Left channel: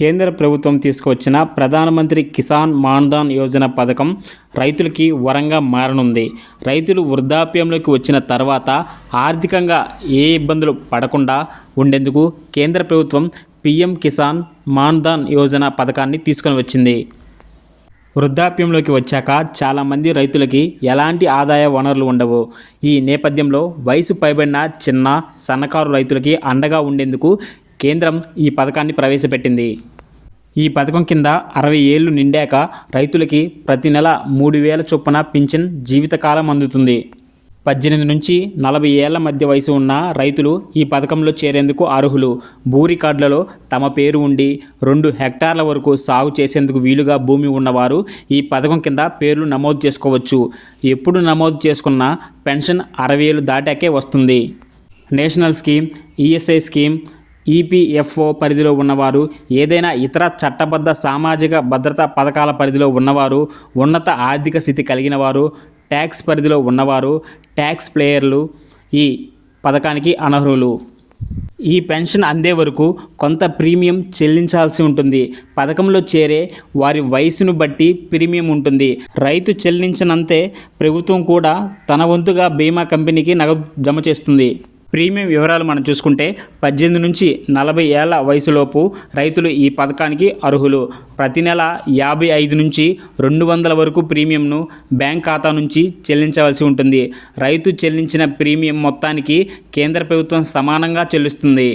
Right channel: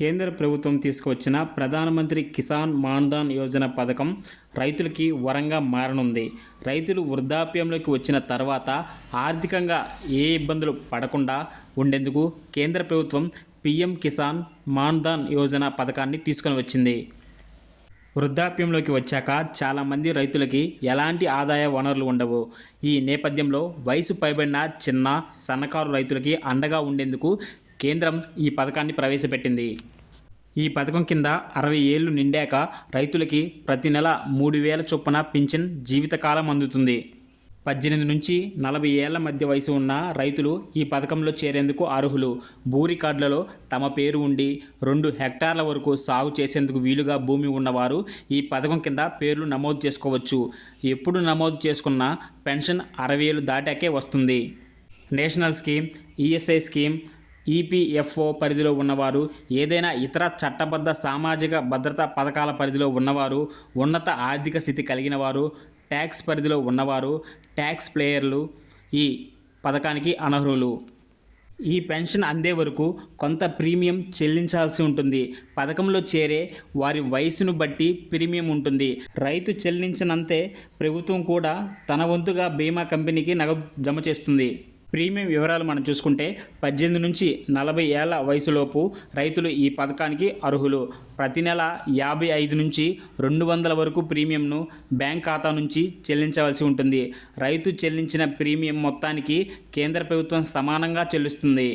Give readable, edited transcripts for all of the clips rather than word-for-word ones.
కేంద్ర ప్రభుత్వం తీసుకువచ్చిన ప్రధానమంత్రి కిసాన్ మాన్ధన్ యోజన పథకం రైతులకి వరంగా మారనుంది. రైతులు వృద్ధాప్యంలోకి వచ్చిన తర్వాత ఆర్థికంగా ఏ ఇబ్బందులు పడకుండా ఉండేందుకు కేంద్ర ప్రభుత్వం పీఎం కిసాన్ మాన్ధన్ యోజన పథకాన్ని తీసుకొని వచ్చింది. వృద్ధాప్యంలోకి వచ్చాక చాలామంది రైతులకి ఎలాంటి ఆదాయ వనరులు ఉండవు. ఈ నేపథ్యంలో వయసు పైబడిన చిన్న సన్నకారు రైతులకి అండగా ఉండేందుకు కేంద్రం ఈ పథకాన్ని ప్రవేశపెట్టింది. ఈ పథకం కింద 60 ఏళ్లు నిండాక రైతులకి ప్రతి నెల 3,000 చొప్పున పింఛన్ జీవితకాలం అందుతుంది. 18 నుంచి 40 ఏళ్ల మధ్య వయసు ఉన్న రైతులు ఈ పథకంలో చేరేందుకు అర్హులు. భూ రికార్డులలో తమ పేరు ఉండి 2 హెక్టార్ల వరకు సాగు చేసేందుకు వీలుగా భూమి ఉన్నవారు ఈ పథకం కింద పేర్లు నమోదు చేసుకోవచ్చు. ఎప్పుడు నమోదు చేసుకున్న పెన్షన్ 60 ఏళ్లు దాటాకే వస్తుంది. National scheme, ESI scheme, EPFO పరిధిలో ఉన్నవారు, ఏదైనా ఇతర చట్టబద్ధ సామాజిక భద్రతా పథకాల పరిధిలో ఉన్నవారు, ఉన్నత ఆర్థిక స్థితి కలిగిన వారు, ట్యాక్స్ పరిధిలో ఉన్నవారు, ట్యాక్స్ పేయర్లు ఈ పథకానికి అనర్హులు. ఈ పెన్షన్ అందే వరకు కొంత ప్రీమియం చెల్లించాల్సి ఉంటుంది. పథకంలో చేరే వారి వయసును బట్టి ప్రీమియం ఉంటుంది. రైతు చెల్లించినంతే ప్రభుత్వం కూడా తన వంతుగా బీమా కంపెనీకి నగదు జమ చేస్తుంది. ప్రీమియం వివరాలు మనం చూసుకుంటే 18 నుంచి 40 ఏళ్ల వయసులోపు రైతులు ఈ పథకానికి అర్హులు. ప్రతి నెల 55 నుంచి 200 వరకు ప్రీమియంను బ్యాంక్ ఖాతా నుంచి చెల్లించవలసి ఉంటుంది. రైతు చెల్లించిన ప్రీమియం మొత్తానికి కేంద్ర ప్రభుత్వం సమానంగా చెల్లిస్తుంది.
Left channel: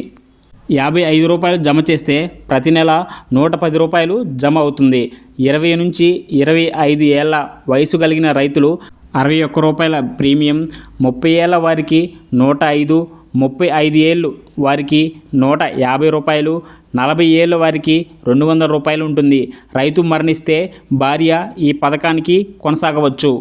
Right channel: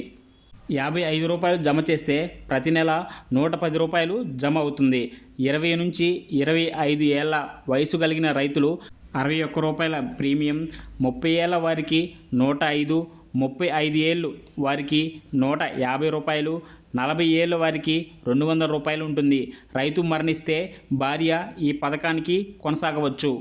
55 రూపాయలు జమ చేస్తే ప్రతి నెల 110 రూపాయలు జమ అవుతుంది. 20 నుంచి 25 ఏళ్ల వయసు కలిగిన రైతులు 61 రూపాయల ప్రీమియం, 30 ఏళ్ల వారికి 105, 35 ఏళ్ళు వారికి 150 రూపాయలు, 40 ఏళ్ళ వారికి 200 రూపాయలు ఉంటుంది. రైతు మరణిస్తే భార్య ఈ పథకానికి కొనసాగవచ్చు.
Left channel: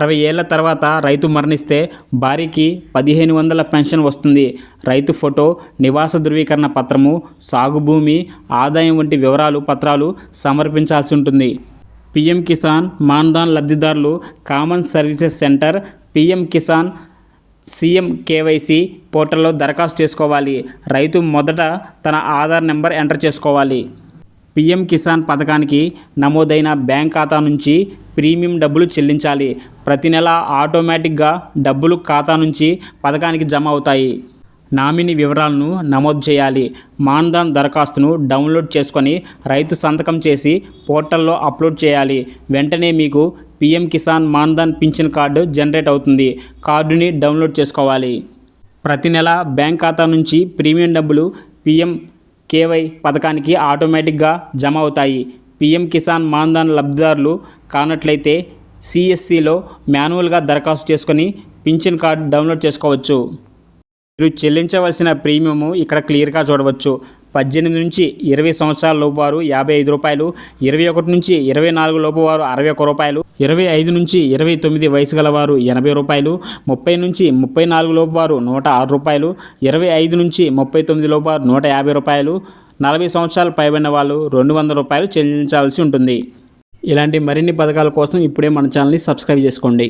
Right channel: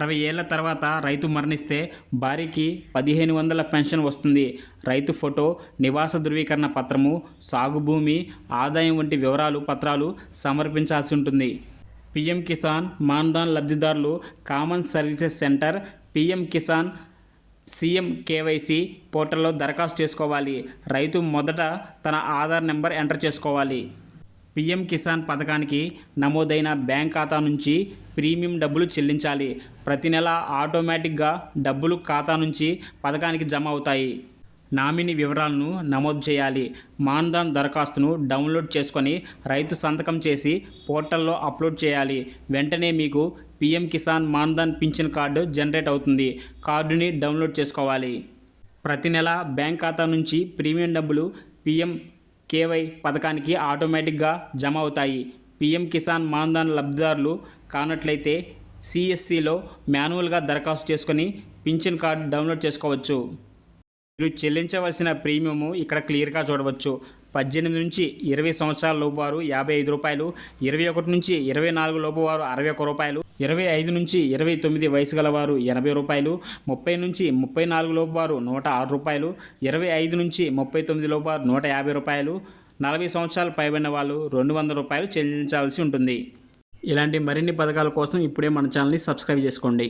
60 ఏళ్ల తర్వాత రైతు మరణిస్తే భార్యకి 1,500 పెన్షన్ వస్తుంది. రైతు ఫోటో, నివాస ధృవీకరణ పత్రము, సాగు భూమి, ఆదాయం వంటి వివరాలు పత్రాలు సమర్పించాల్సి ఉంటుంది. పీఎం కిసాన్ మాన్ధన్ లబ్ధిదారులు common services centre, PM Kisan CM KYC పోర్టల్లో దరఖాస్తు చేసుకోవాలి. రైతు మొదట తన ఆధార్ నెంబర్ ఎంటర్ చేసుకోవాలి. పీఎం కిసాన్ పథకానికి నమోదైన బ్యాంక్ ఖాతా నుంచి ప్రీమియం డబ్బులు చెల్లించాలి. ప్రతి నెల ఆటోమేటిక్గా డబ్బులు ఖాతా నుంచి పథకానికి జమ అవుతాయి. నామినీ వివరాలను నమోదు చేయాలి. మాన్ధన్ దరఖాస్తును డౌన్లోడ్ చేసుకొని రైతు సంతకం చేసి పోర్టల్లో అప్లోడ్ చేయాలి. వెంటనే మీకు PM Kisan Maandhan pension card generate అవుతుంది. కార్డుని డౌన్లోడ్ చేసుకోవాలి. ప్రతి నెల బ్యాంక్ ఖాతా నుంచి ప్రీమియం డబ్బులు పీఎం కేవై పథకానికి ఆటోమేటిక్గా జమ అవుతాయి. పీఎం కిసాన్ మాన్ధన్ లబ్ధిదారులు కానట్లయితే సిఎస్సిలో మాన్యువల్గా దరఖాస్తు చేసుకొని పింఛన్ కార్డు డౌన్లోడ్ చేసుకోవచ్చు. మీరు చెల్లించవలసిన ప్రీమియము ఇక్కడ క్లియర్గా చూడవచ్చు. 18 నుంచి 20 సంవత్సరాల లోపు వారు 55 రూపాయలు, 21 నుంచి 24 లోపు వారు 61 రూపాయలు, 25 నుంచి 29 వయసు గల వారు 80 రూపాయలు, 30 నుంచి 34 లోపు వారు 106 రూపాయలు, 25 నుంచి 39 లోపు వారు 150 రూపాయలు, 40 సంవత్సరాలు పైబడిన వాళ్ళు 200 రూపాయలు చెల్లించాల్సి ఉంటుంది. ఇలాంటి మరిన్ని పథకాల కోసం ఇప్పుడే మన ఛానల్ని సబ్స్క్రైబ్ చేసుకోండి.